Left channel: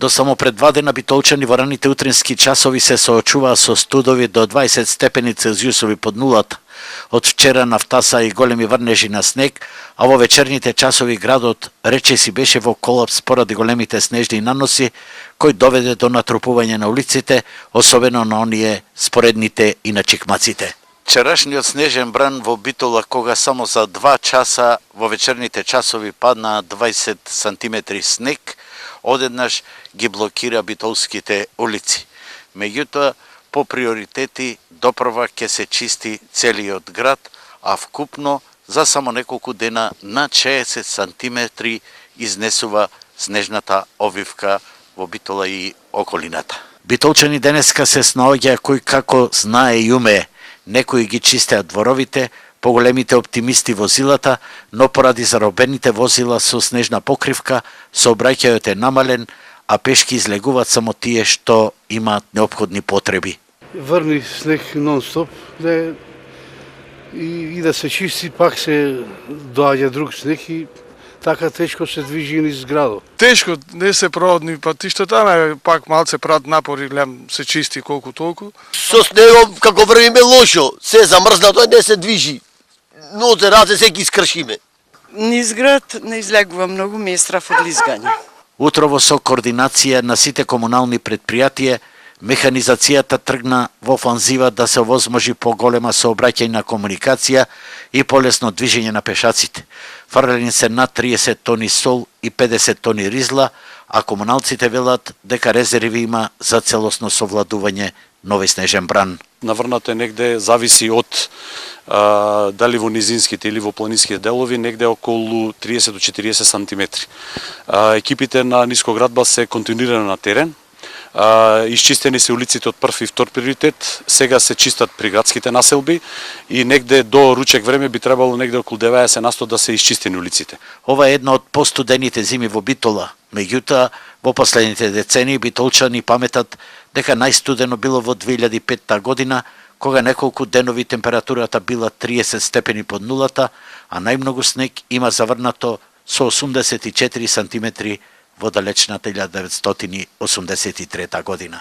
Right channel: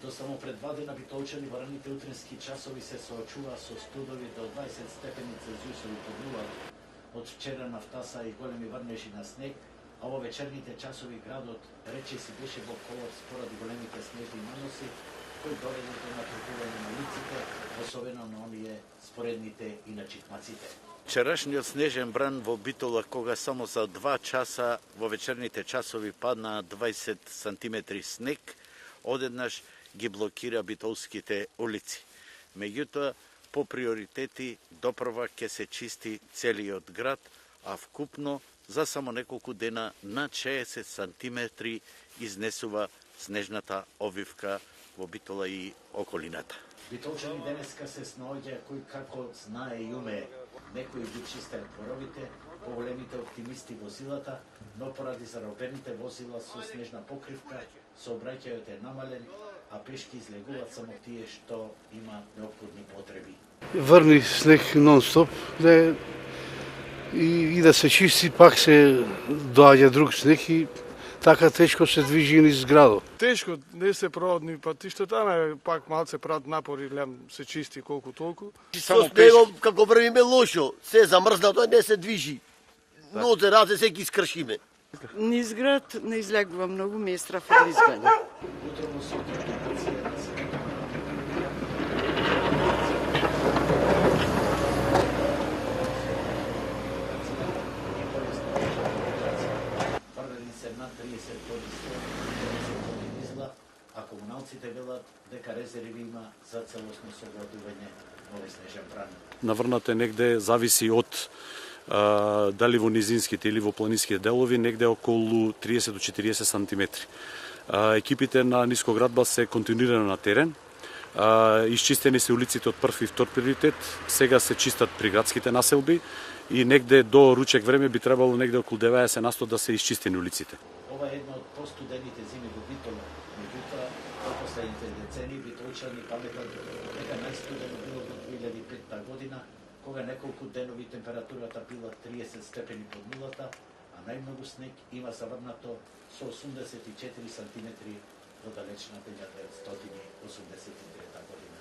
До само пред 2 дена битолчани во раните утрински часови се соочуваа со студови до 20 степени Целзиусови под нулата. Од вчера нафтаса и големи врнежи на снег, а во вечерните часови градот речиси беше во колапс поради големите снежни наноси, кој доведе до натрупување на улиците, особено на оние споредните и на чикмаците. Вчерашниот снежен бран во Битола, кога само за 2 часа во вечерните часови падна 20 сантиметри снег, одеднаш ги блокира битолските улици. Меѓутоа, по приоритети допрва ќе се чисти целиот град, а вкупно за само неколку дена на 60 сантиметри изнесува снежната овивка во Битола и околината. Битолчани денеска се снаоѓа кој како знае и умее. Некои ги чистеат дворовите, поголемите оптимисти возилата, но поради заробените возила со снежна покривка, сообраќајот е намален, а пешки излегуваат само тие што имаат неопходни потреби. Врни снег нон-стоп, и да се чисти, пак се доаѓа друг снег и така тешко се движи низ градот. Тешко, не се проводни патиштата, пак малце прават напори, се чисти колку толку. Со снегом, како врвиме лошо, се замрзнато, не се движи. Ноце раце се ги скршиме. Низ град не излегува многу, ми е страф од лизгање. Утрово со координација на сите комунални предпријатија, механизацијата тргна во офанзива да се овозможи поголема сообраќајна комуникација и полесно движење на пешаците. Фрлени се над 30 тони сол и 50 тони ризла, а комуналците велат дека резерви има за целосно совладување нови снежен бран. Наврнато е негде, зависи од дали во низинските или во планинските делови, негде околу 30 до 40 сантиметри. Екипите на Нискоградба се континуирано на терен. Исчистени се улиците од прв и втор приоритет, сега се чистат приградските населби и негде до ручек време би требало негде околу 90% да се исчистени улиците. Ова е една од постудените зими во Битола, меѓутоа во последните децении битолчани паметат дека најстудено било во 2005 година, кога неколку денови температурата била 30 степени под нулата, а најмногу снег има заврнато со 84 сантиметри во далечната 1983 година.